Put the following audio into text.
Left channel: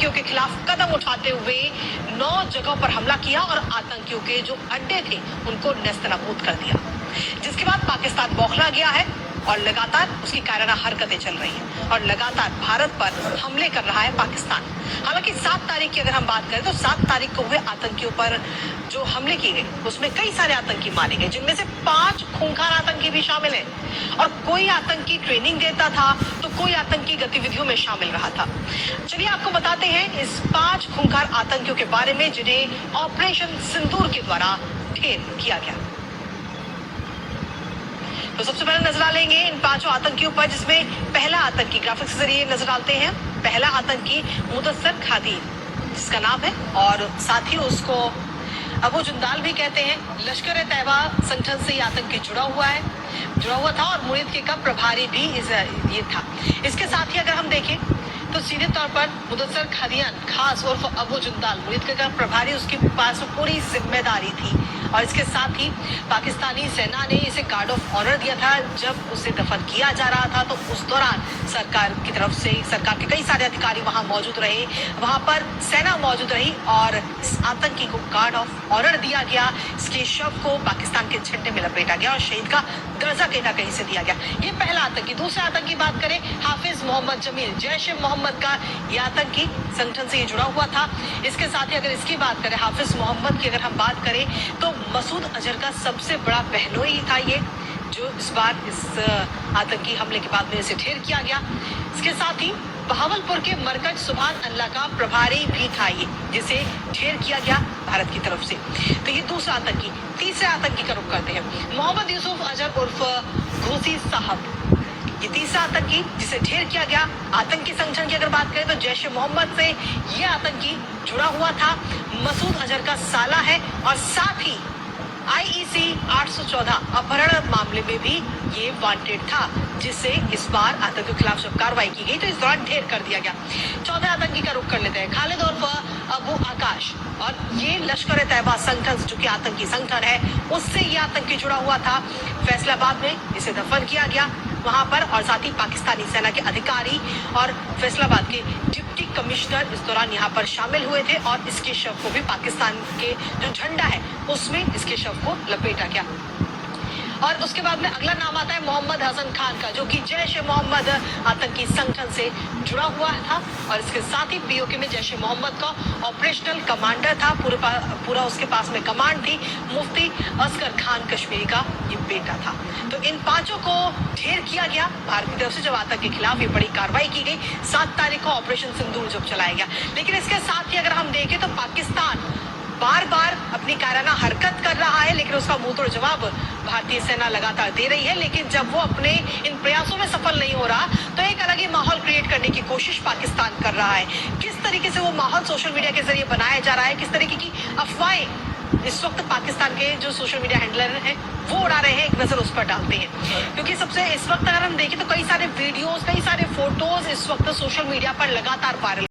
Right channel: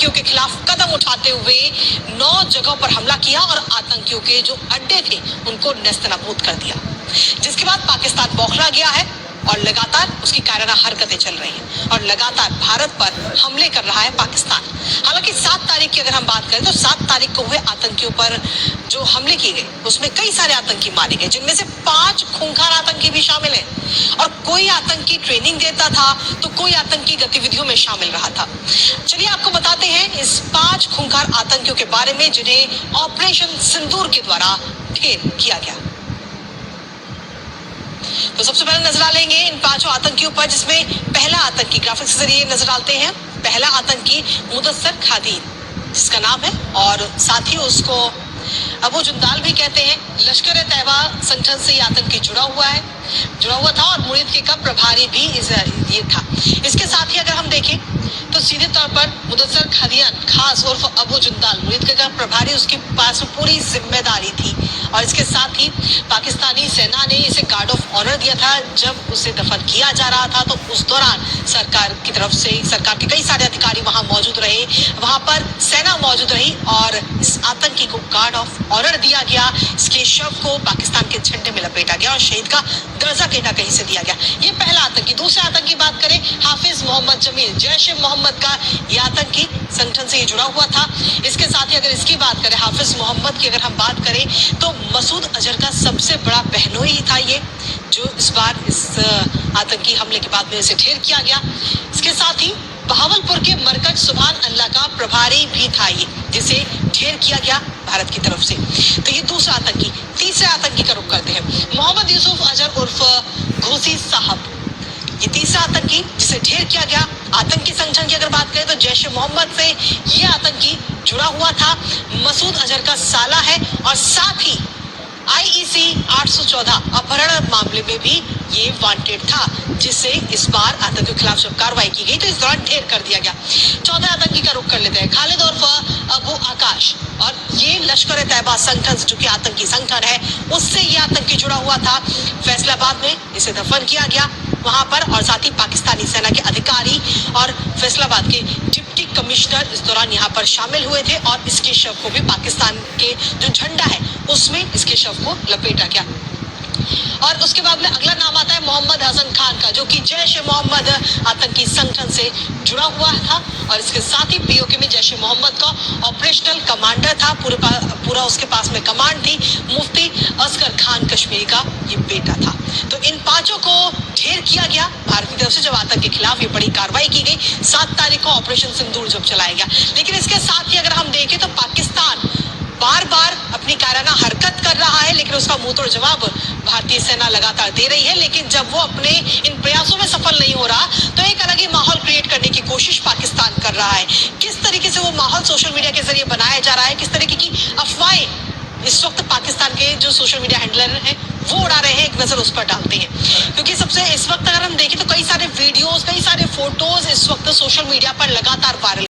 आतंकियों के खिलाफ कदम उठाते हुए 9 जगहों पर हमला किया और आतंकियों के जो अड्डे थे उनको नेस्तनाबूद कर दिया, जिसके बाद पाकिस्तान बौखला गया है और लगातार उसकी कायराना हरकतें चल रही हैं और लगातार भारत पर हमले कर रहा है पाकिस्तान। हालांकि 7 तारीख की अगर हम बात करें तो 7 तारीख को हुए आतंकियों पर जो हमले किए गए उसमें कई सारे आतंकी मारे गए, जिनमें से 5 खूंखार आतंकी भी शामिल हैं और कोई आतंकी ट्रेनिंग देता था तो कोई आतंकी गतिविधियों में शामिल रहा था। चलिए आपको बताते हैं इस 5 खूंखार आतंकियों के बारे में जिन्हें ऑपरेशन सिंदूर के द्वारा ढेर किया गया। तो सबसे पहले नजर डालेंगे इन 5 आतंकियों पर, जिसमें पहला आतंकी ग्राफिक्स के जरिए नजर डालते हैं। पहला आतंकी मुदस्सर खादीन जिसका नाम है और साथ ही उसको अबू जुंदाल भी कहते हैं। लश्कर तैयबा संगठन से ये आतंकी जुड़ा हुआ था और मुरीद के का प्रभारी भी ये था। इसके साथ ही अगर हम देखें तो सीधे तौर पर मुदस्सर खादियान खास उर्फ अबू जुंदाल मुरीद के का प्रभारी, उसके पास पूरी जिम्मेदारी थी और इसके साथ ही पाकिस्तानी सेना ने इसे गार्ड ऑफ ऑनर दिया था। जब उसे दफन किया जा रहा था तो उस दौरान सरकार की तरफ से सरकार के कई सारे अधिकारी वहां मौजूद रहे, वहां पर सेना मौजूद रही और इस आतंकी को गार्ड ऑफ ऑनर दिया गया। इसके शव को पाकिस्तान के झंडे में लपेटा गया और शहीद का दर्जा कहीं से दिया गया। ये पहला आतंकी। दूसरे आतंकी की बात करें, हाफिज मोहम्मद जमील, जैश ए मोहम्मद का ये आतंकी संगठन से ये जुड़ा हुआ था। इसके साथ ही अगर इसकी बात करें, हाफिज मोहम्मद की अगर हम बात करें तो मसूद अजहर का सबसे बड़ा बहनोई ही था ये, जो इस बार इस आतंकी हमले के बाद में इसे ढेर किया गया। इसके साथ ही बहावलपुर के मरकज सुभान अल्लाह का प्रभारी भी था ये, जिसे ढेर किया गया भारत की तरफ से। तो ये दूसरा आतंकी। तीसरे आतंकी का रुख करते हैं, मोहम्मद यूसुफ अजहर उर्फ घोसी साहब। ये तीसरा आतंकी जिसे ढेर किया गया। आतंकी संगठन की अगर बात करें तो जैश ए मोहम्मद से ये आतंकी जुड़ा हुआ था, मसूद अजहर का साला है और साथ ही IEC 814 अपहरण मामले में भी ये वांटेड था, जिससे इस बार आतंकियों के खिलाफ जब कार्रवाई की गई तो इस दौरान ढेर कर दिया गया। चौथे आतंकी का रुख कर लेते हैं, खालिद उर्फ अबू आकाश, और ये लश्कर तैयबा संगठन जो कि आतंकी संगठन है उससे ये आतंकी जुड़ा हुआ था। फैसलाबाद में इसे दफन किया गया वहां पर और साथ ही पाकिस्तानी सेना के अधिकारी और फैसलाबाद के डिप्टी कमिश्नर इस दौरान यहाँ पर शामिल हुए थे और इसके शव को भी पाकिस्तान के जो झंडा है उसमें इसके शव को लपेटा गया। और उसके बाद में अगला नाम आता है मोहम्मद हसन खान का, जो कि जैश ए मोहम्मद आतंकी संगठन से जुड़ा हुआ था और इसके साथ ही POK में जैश ए मोहम्मद का ऑपरेशनल कमांडर था। पूरा उसके पास में कमांड थी। मुफ्ती असगर खान कश्मीरी का ये बेटा था। तो इन 5 को ढेर किया गया भारत की तरफ से जब आतंक के खिलाफ ये बड़ी कार्रवाई की गई। 7 तारीख को ऑपरेशन सिंदूर जब चलाया गया। लेकिन इसके साथ ही अगर हम देखें तो पाकिस्तान बार बार अपनी कायराना हरकत कर रहा है, लेकिन उसका मुंह तोड़ जवाब भारतीय सेना लगातार दे रही है। लेकिन जब वो अपने इन प्रयासों में सफल नहीं हो रहा तो एक अलग ही माहौल क्रिएट करने की कोशिश पाकिस्तान कर रहा है। किस तरीके से वो माहौल सोशल मीडिया के जरिए बनाया जा रहा है, किस तरीके की अफवाहें इस वक्त पाकिस्तान के जो सोशल मीडिया हैंडलर हैं वो उड़ा रहे हैं, एक नजर उस पर डालते हैं। क्योंकि सबसे इस वक्त अगर हम देखें तो कई सारे वीडियोस, कई सारे फोटोज इस वक्त सोशल मीडिया पर लगातार वायरल